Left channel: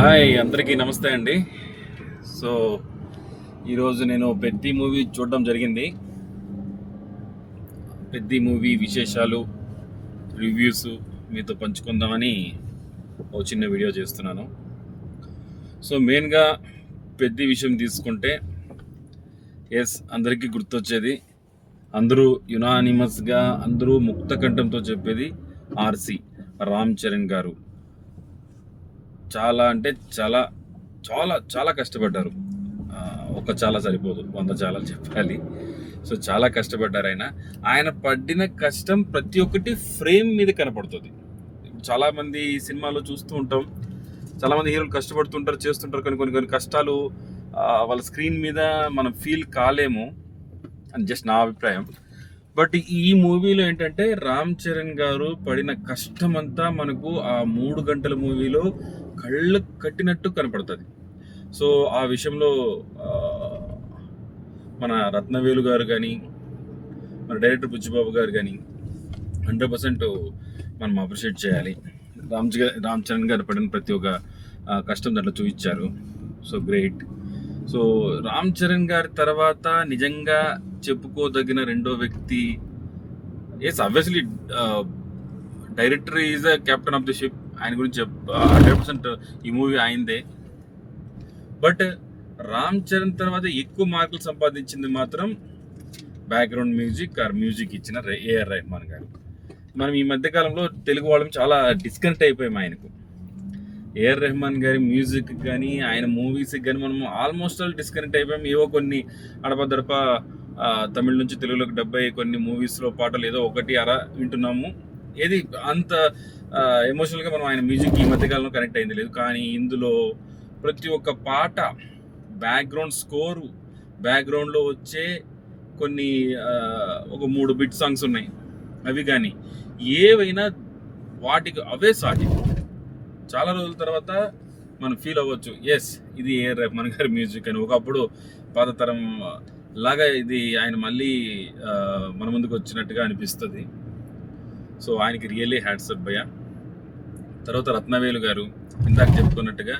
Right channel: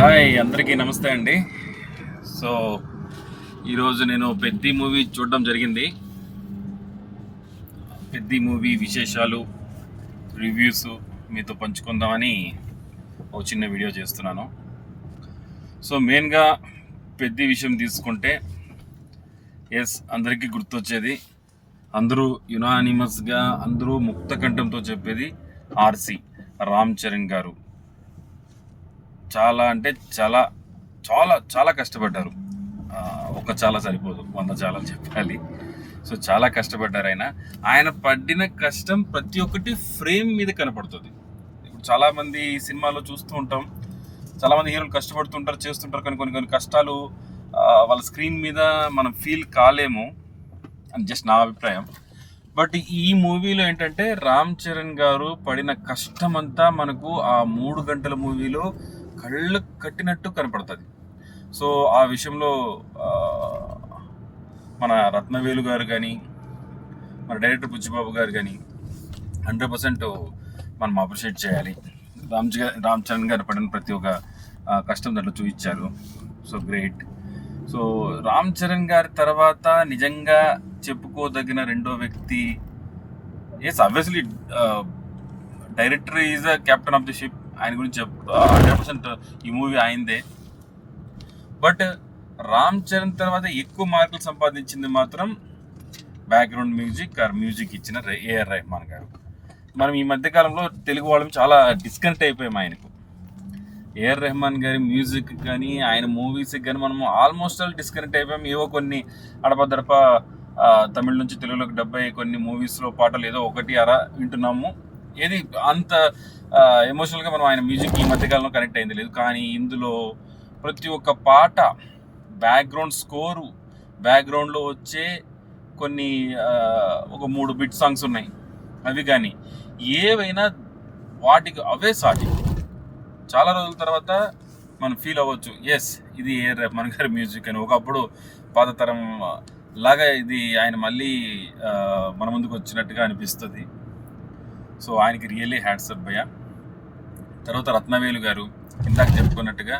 Hi అందరికీ నమస్తే అండి. సో ఈరోజు నేను పెద్ది మూవీ చూడడం జరిగింది. పెద్ది మూవీ విశేషాలు, రివ్యూస్ మీతో పంచుకుందామని ఓ చిన్న వీడియో చేస్తున్నాను. సో మెయిన్గా పెద్ది విషయం తీసుకుంటే అందరికీ గుర్తొచ్చేది, అందరూ యునానిమస్గా అందరూ ముక్త కంఠంతో చెప్పేది ఆర్సి రామ్ చరణ్ గారు. చాలా అంటే చాలా చాలా చాలా కష్టపడ్డారు. ఒక చాలా సరిపోదు, 100 చాలా చెప్పాలి. సో చాలా కష్టపడ్డారు ఆయన పడిన కష్టం ప్రతి ఒక్కటి ఫ్రేమ్ మీద కనపడుతుంది. ఇప్పుడు చాలామంది సినిమాలో చూస్తూ ఉంటాం, చాలామంది హీరోలు కష్టపడుతుంటారు, చేస్తుంటారు, కానీ కొన్ని కొన్ని కష్టాలు వాళ్ళ స్క్రీన్ మీద మనం ఫీల్ కాలేము అని జస్ట్ నా అభిప్రాయం. బట్ ఈ మూవీలో ఏంటంటే రామ్ చరణ్ గారు పడిన కష్టం అంతా మనకు ఆ 3 గంటల మూవీలో కళ్ళు కట్టినట్టు కనపడుతుంది. సో ఆ విషయంలో మన రత్నవేలు గారు కానీ, మన డైరెక్టర్ బుచ్చిబాబు గారు కానీ 100% మనం అప్రిషియేట్ చేయాలి. రామ్ చరణ్ గారు పడిన ప్రతి ఒక్క కష్టం దాంట్లో చూపించారు. So great. So Ram Charan గారి తర్వాత నిజంగా చెప్పుకోదగిన రెండో వ్యక్తి obviously director is a captain of the ship. ఆయన గురించి 100% ఈ మూవీ ఆయనదే. బట్ రామ్ చరణ్ తర్వాత ఎక్కువ మార్కులు సంపాదించింది మాత్రం బ్యాక్గ్రౌండ్ మ్యూజిక్ ఇచ్చిన ఏఆర్ రెహమాన్ గారు. మనం ఈ మధ్యకాలంలో తెలుగు వాళ్ళం చాలా డిస్కనెక్ట్ అయిపోయాం ఆయనకు. ఏఆర్ రెహమాన్ గారి మ్యూజిక్ కానీ ఆయన మూవీస్కి కానీ మనం ఆల్మోస్ట్ ఆల్ డిస్కనెక్ట్ అయిపోయాం. ఏవో కొన్ని అడపదడప తమిళ నుంచి తెలుగులోకి డబ్బై కొన్ని మూవీస్లో పాటలు ఏదో ఒకటి అరా వింటున్నాము. ఏది అంత ఎమోషనల్గా మనం ఆయన మ్యూజిక్ ఈ మధ్యకాలంలో కనెక్ట్ అయింది లేదు. కానీ ఇందులో ప్రతి ఒక్క పాట, బ్యాక్గ్రౌండ్ స్కోరు, బ్యాక్గ్రౌండ్లో వచ్చే కొన్ని ఒక 3 బిట్ సాంగ్స్ ఉన్నాయి, అవి కానీ ఏవైనా వాటికి అవే సాటి చాలా రోజుల తర్వాత మనం ఫీల్ అవ్వచ్చు, ఇది ఏఆర్ రెహమాన్ గారి మ్యూజిక్ అని. ఒకప్పుడు పాత తరం లాగా ఇది ఆయన మళ్ళీ మన ముందుకు వచ్చినట్టుగా అనిపిస్తుంది. సో ఆయనకి రియల్లీ హ్యాట్స్ ఆఫ్ భయ్యా. తర్వాత రత్నవేలు గారు ఇందాక చెప్పుకున్నట్టుగా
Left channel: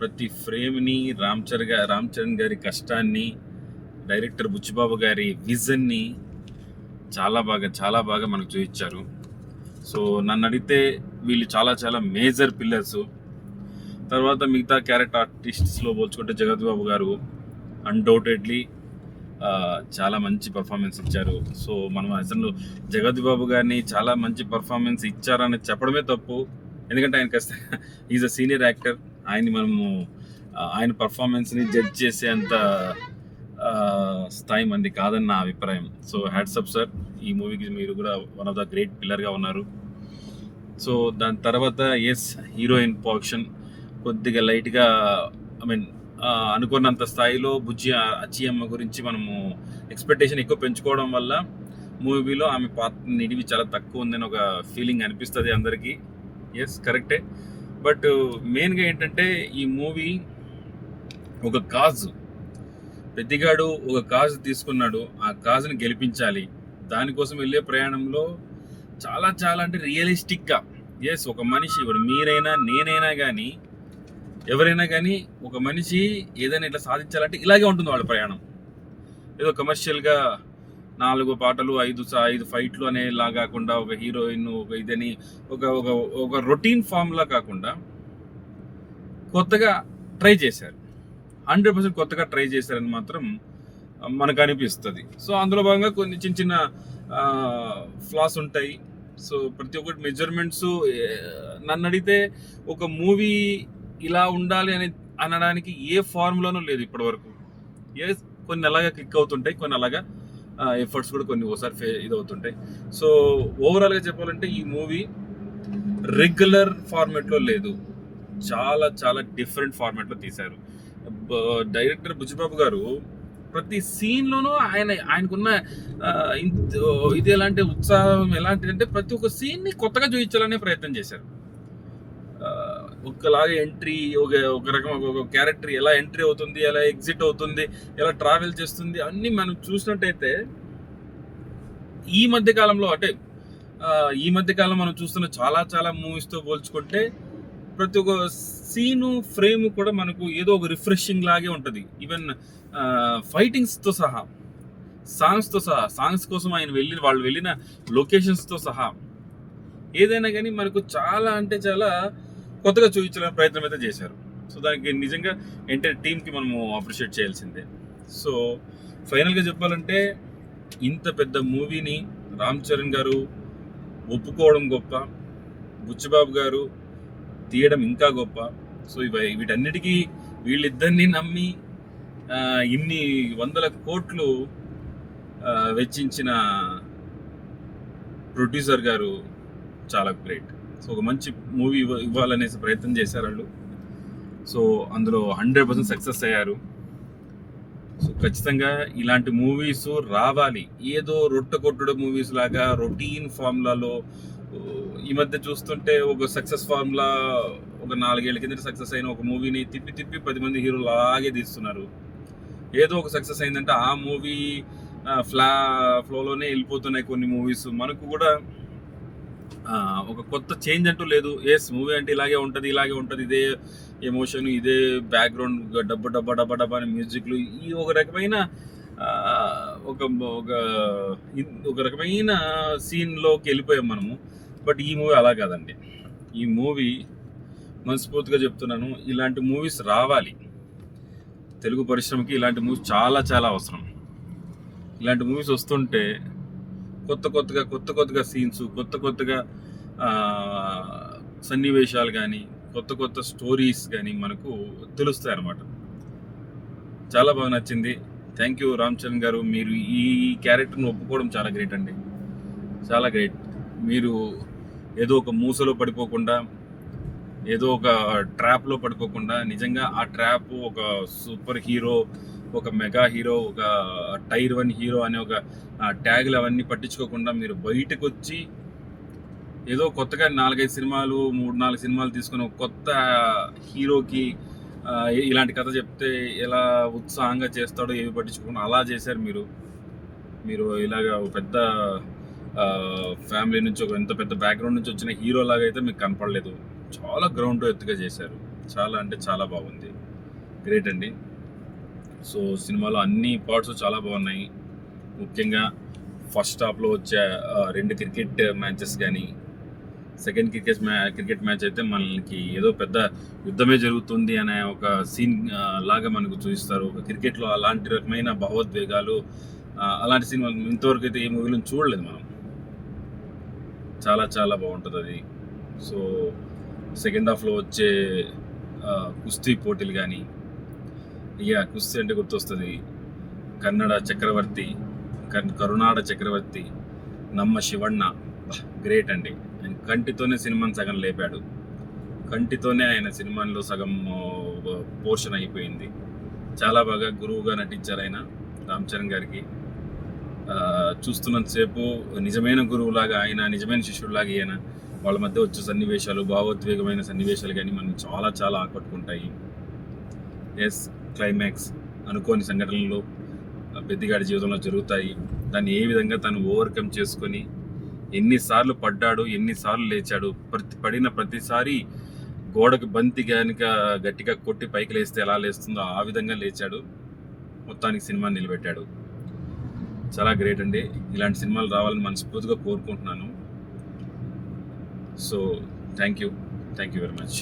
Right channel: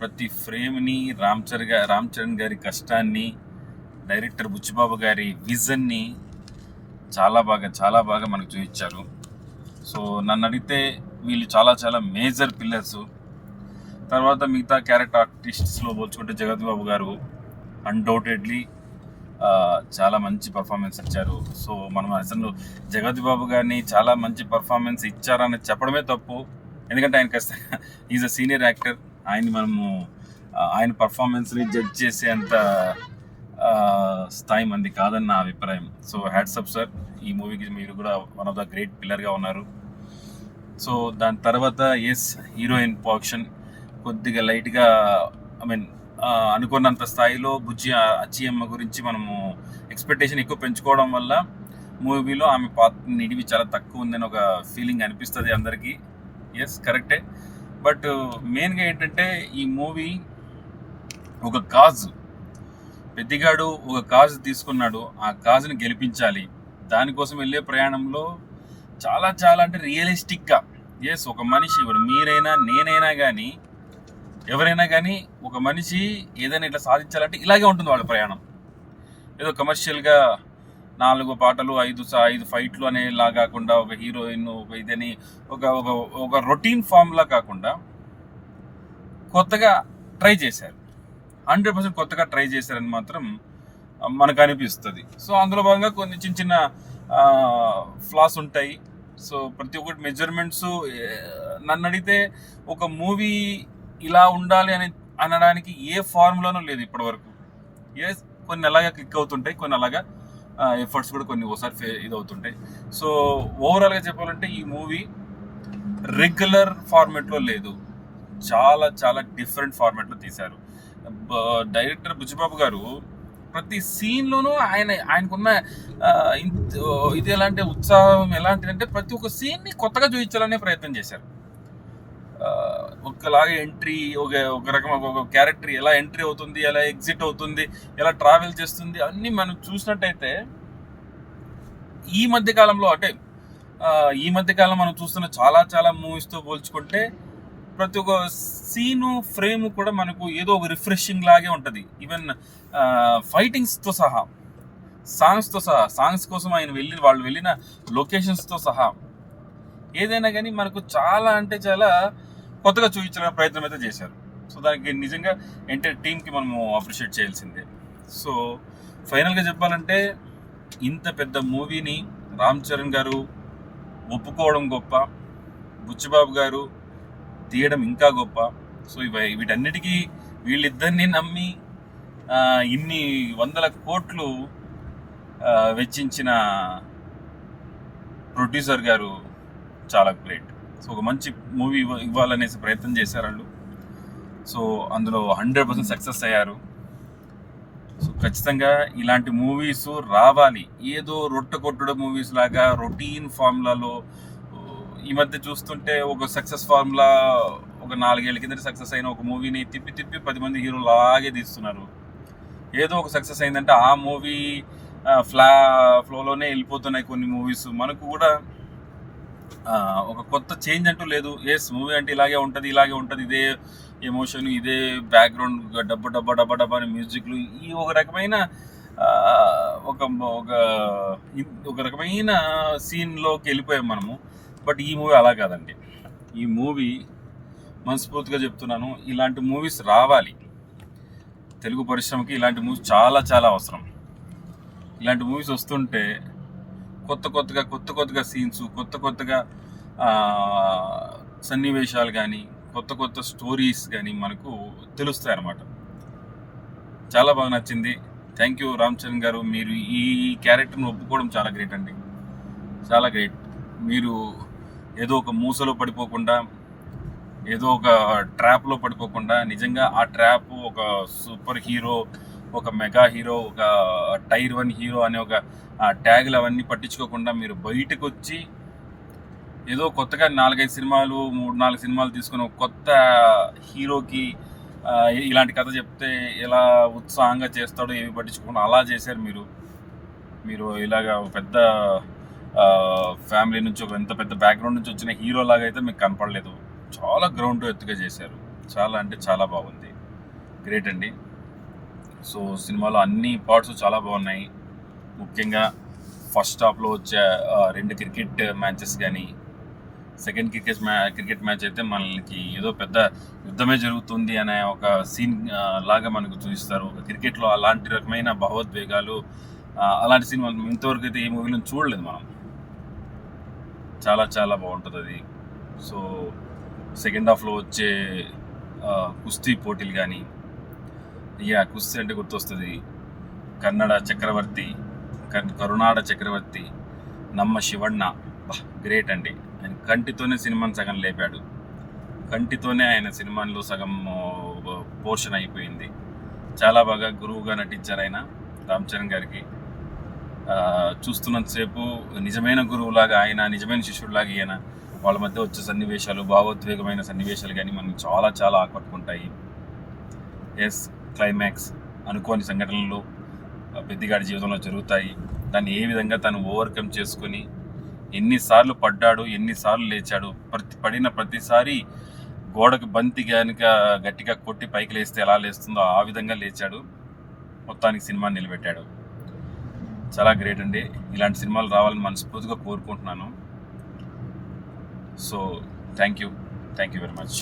ప్రతి ఫ్రేమ్ని, రామ్ చరణ్ గారి కష్టాన్ని, డైరెక్టర్ బుచ్చిబాబు గారి విజన్ని చాలా బాగా మనకు చూపించారు. సో నన్ను అడిగితే వీళ్ళు చాలా చాలా మేజర్ పిల్లర్స్. తర్వాత మిగతా క్యారెక్టర్ ఆర్టిస్ట్స్లో పోల్చుకుంటే జగత్ బాబు గారు అన్డౌటెడ్లీ చాలా మంచి పర్ఫార్మెన్స్ ఇచ్చారు. సో మనం అసలు జగత్ బాబు గారిని చాలా మంచి పర్ఫార్మెన్స్ ఇచ్చారని చెప్పడమే తప్పు, ఎందుకంటే ఆయన ఖచ్చితంగా ఈజ్ అ సీనియర్ యాక్టర్. ఆయన్ని మనము ఆయన పర్ఫార్మెన్స్ని జడ్జ్ చేసే అంత స్థాయి మంది కాదని నా అభిప్రాయం. సో హ్యాట్స్ అప్ సార్, ఈ మూవీకి మీరు కూడా వన్ ఆఫ్ ద గ్రేట్ పిల్లర్గా ఉన్నారు. సో దాని తర్వాత హీరోయిన్ పోర్షన్ కొద్దిగా లైట్గా అనుకున్నంత స్థాయిలో అచ్చియమ్మ గురించి మనము ఎక్స్పెక్టేషన్ ఎక్కువ పెంచుకోవడం వల్ల మూవీలో ఆమె పాత్ర నిడివి చాలా తక్కువ ఉందని ఒక ఫీలింగ్ అనిపిస్తుంది అందరికీ. కరెక్టే. బట్ మెయిన్గా ఏంటంటే ఈ మూవీ ఒక కాజ్, పెద్దిగాడు ఒక కాజ్ తీసుకున్నాడు, ఆ కాజ్ని గెలిపించాలి. దానికోసం వెళ్ళే ప్రయాణంలో చాలా చాలా అంటే రియలిస్టిక్గా ఒక మనిషి, ఇప్పుడు మీరైనా నేనైనా కానీ ఎవరైనా కానీ ఒక మనిషి ఏదైనా ఇట్లా సాధించాలంటే ఇలాగే ఉంటుంది వాళ్ళ ప్రయాణం. ఏదో కమర్షియల్గా 4 పాటలు 5 ఫైట్లు అనేలా కాకుండా, ఒక హీరోయిన్ ఒక ఇదని ఒక రొటీన్ ఫామ్లా కాకుండా కొత్తగా ట్రై చేశారు. 100% కొత్తగా ట్రై చేశారని మాత్రం మనకు అనిపిస్తుంది. సో అందులో భాగంగా కొన్ని చిన్న ఫ్లాస్ ఉంటాయి. సో ప్రతి ఒక్కటి మెజర్మెంట్స్ నన్ను అడిగితే ఒక మూవీ ఇలా ఉండాలి అని అనడానికి ఏ ఫార్ములానూ లేదు ఇప్పటి వరకు. కొన్ని అలాగా క్లిక్ అవుతుంటాయి, కొన్ని అలాగా ఎఫర్ట్స్ కూడా కొన్ని ఓసారి ఇదవుతుంటాయి. సో ఓవరాల్గా చెప్పాలంటే ఈ మూవీ రెగ్యులర్ ఫార్మాట్లో లేదు, చాలా చాలా డిఫరెంట్ ఫార్మాట్లో తీశారు. డైరెక్టర్ బుచ్చిబాబు గారు ప్రతి సీన్లోనూ ఆయనకున్న ఇది ఎలాంటి ఉత్సాహం ఎలాంటిదంటే ప్రతి ఒక్క సీన్ని కొత్తగా చూపించాలనే ప్రయత్నం చేశారు. ఒకలాగా ఎంట్రీ, ఒక రకం ఒక క్యారెక్టర్ ఎలా ఎంట్రీ అవుతుంది, ఎలా ఎగ్జిట్ అవుతుంది, ఎలా ట్రావెల్ చేస్తుంది, అన్నీ మనం చూసినట్టయితే ఈ మధ్యకాలంలో మనం చూస్తున్న చాలా చాలా మూవీస్తో పోల్చుకుంటే ప్రతి ఒక్క సీను ఫ్రేమ్ కూడా మనకు ఏదో ఒక రిఫ్రెషింగ్ లాగే ఉంటుంది. ఈవెన్ ఫైటింగ్స్తో సహా, సాంగ్స్ కోసం వాళ్ళు వెళ్ళిన లొకేషన్స్తో సహా ఏదైనా కానీ మనకు చాలా అంటే చాలా కొత్తగా చూపించడానికి ప్రయత్నం అయితే చేశారు. సో దానికి నిజంగా ఎంటైర్ టీమ్కి మనము అప్రిషియేట్ చేయాల్సిందే. సో ఫైనల్గా చెప్పాలంటే ఇంత పెద్ద మూవీని రామ్ చరణ్ గారు ఒప్పుకోవడం గొప్ప, బుచ్చిబాబు గారు తీయడం ఇంకా గొప్ప. సో వీటన్నిటికీ వీళ్ళిద్దరిని నమ్మి ఇన్ని వందల కోట్లు వెచ్చించిన ప్రొడ్యూసర్ గారు చాలా గ్రేట్. సో ఒక మంచి మూవీ ఇవ్వాలనేసి ప్రయత్నం చేశారు వాళ్ళు. సో అందులో 100% సక్సెస్ అయ్యారు. సో ఖచ్చితంగా ఇలాంటి మూవీస్ రావాలి. ఏదో రొట్టె కొట్టుడు మూవీస్ లాగా రొటీన్ ఫార్ములాలో ఈ మధ్య చూస్తుంటే ఒక సక్సెస్ ఫార్ములా ఒక 4 ఏళ్ళ కింద సక్సెస్ అయిన ఒక మూవీని తిప్పి 10 మంది హీరోలు లాగే తీస్తున్నారు. ఏదో ఒక సక్సెస్ అయిందంటే ఆ మూవీ ఫ్లోలోనే వెళ్ళిపోతున్నాయి కొన్ని మూవీస్. మనకు కూడా ఒక కొత్త చేంజ్ అంటూ లేదు. మూవీ అంటే ఇలాగే ఉంటుంది, ఇదే ఎమోషన్, ఇదే బ్యాక్గ్రౌండ్, డబ్బా అని మ్యూజిక్లు, ఈ ఒక రకమైన ఒక రకమైన సీన్లోకి వెళ్ళిపోయాం మనము. బట్ ఈ మూవీ అలా కాదండి. ఈ మూవీ మనస్ఫూర్తిగా చెప్తున్నాను, ఇలాంటి మూవీస్ రావాలి. తెలుగు పరిశ్రమకి ఇలాంటి మూవీస్ చాలా చాలా అవసరం. ఇలాంటి మూవీస్ వస్తుంటే కొత్తగా సీన్స్, కొత్తగా సన్నివేశాలు కానీ, కొత్త స్టోరీస్ కానీ మనకు తెలుస్తాయి అన్నమాట. చాలా బాగా నచ్చింది. థ్యాంక్ యూ రామ్ చరణ్ గారు. మీరు ఈ క్యారెక్టర్ని ఒప్పుకోవడం చాలా గ్రేట్ అండి, చాలా గ్రేట్. మీరు ఏదో ఒక మూసలో పడిపోకుండా, ఏదో ఒక ట్రాప్లో పడిపోకుండా, నిజంగా ఆ ట్రాప్ ఒక సూపర్ హీరో, ఒక మెగా హీరో, ఒక టైర్ 1 హీరో అనే ఒక ట్యాగులు అవన్నీ పట్టించుకోకుండా మీరు బయటకు వచ్చి ఏదో కొత్తగా 4-5 సినిమాలు, 3-4 సినిమాలు తీసుకుని ఒక కొత్త హీరోకి ఇలాంటి కథ చెప్తే ఎలా ఉత్సాహంగా చేస్తాడో ఏవి పట్టించుకోకుండా అలా చేశారు మీరు. ఇలాగా ఒక పెద్ద ఫ్యామిలీ నుంచి, ఒక ఎంత పెద్ద బ్యాక్గ్రౌండ్ నుంచి వచ్చిన హీరో లాగా అయితే మీకు కనపడలేదు. చాలా గ్రౌండ్ ఎత్తుగా చేశారు. చాలా అంటే చాలా బాగుంది. గ్రేట్ అండి. సో సినిమాలో అన్ని పార్ట్స్ చాలా బాగున్నాయి. ముఖ్యంగా ఫస్ట్ హాఫ్లో వచ్చే 2 క్రికెట్ మ్యాచెస్ కానీ, సెకండ్ క్రికెట్ మ్యాచ్ అయితే మనకి ఏదో పెద్ద యుద్ధమే జరుగుతుంది అనే ఒక సీన్ లాగా మనకు చూపిస్తారు. ఒక క్రికెట్లో అలాంటి రకమైన భావోద్వేగాలు, అలాంటి సీన్ మనం ఇంతవరకు అయితే ఏ మూవీలో చూడలేదు మనం. చాలా చాలా బాగుంటుంది అది. సో సెకండ్ హాఫ్లో వచ్చే కుస్తీ పోటీలు కానీ, కుస్తీ అంటే గుర్తొస్తుంది కరునాడ చక్రవర్తి నమ్మ శివಣ್ణ. గ్రేట్ అండి. ఆయన కంటితోనే సినిమాని సగం లేపాడు. కంటితోనే ఆయన సినిమాలో సగం పోర్షన్ అయిపోయింది. చాలా బాగా గురువుగా నటించారు ఆయన రామ్ చరణ్ గారికి. చూస్తున్నంతసేపు నిజమైన గురువులాగా ఆయన, నిజమైన శిష్యుడిలాగా ఈయన, వాళ్ళ మధ్య వచ్చే సన్నివేశాలు, భావోద్వేగమైన సన్నివేశాలు కానీ మనకి చాలా చాలా ఆకట్టుకుంటాయి. క్లైమాక్స్, అనుకోని సంఘటనలు పెద్దిగాడి జీవితంలో జరుగుతాయి. దాన్ని ఏ విధంగా తను ఓవర్కమ్ చేసుకొని ఎన్నిసార్లు పడ్డాడు, ఎన్నిసార్లు లేచాడు, పడిన ప్రతిసారి గోడకి బంతి కనుక గట్టిగా కొట్టి పైకి లేస్తే ఎలా లేస్తుందో ఆ విధంగా లేచాడు. మొత్తానికి సినిమాని నిలబెట్టాడు. చాలా గ్రేట్ అండి. ఇలాంటి సినిమాలు రావాలని మనస్ఫూర్తిగా కోరుకుంటున్నాను. So thank you very much.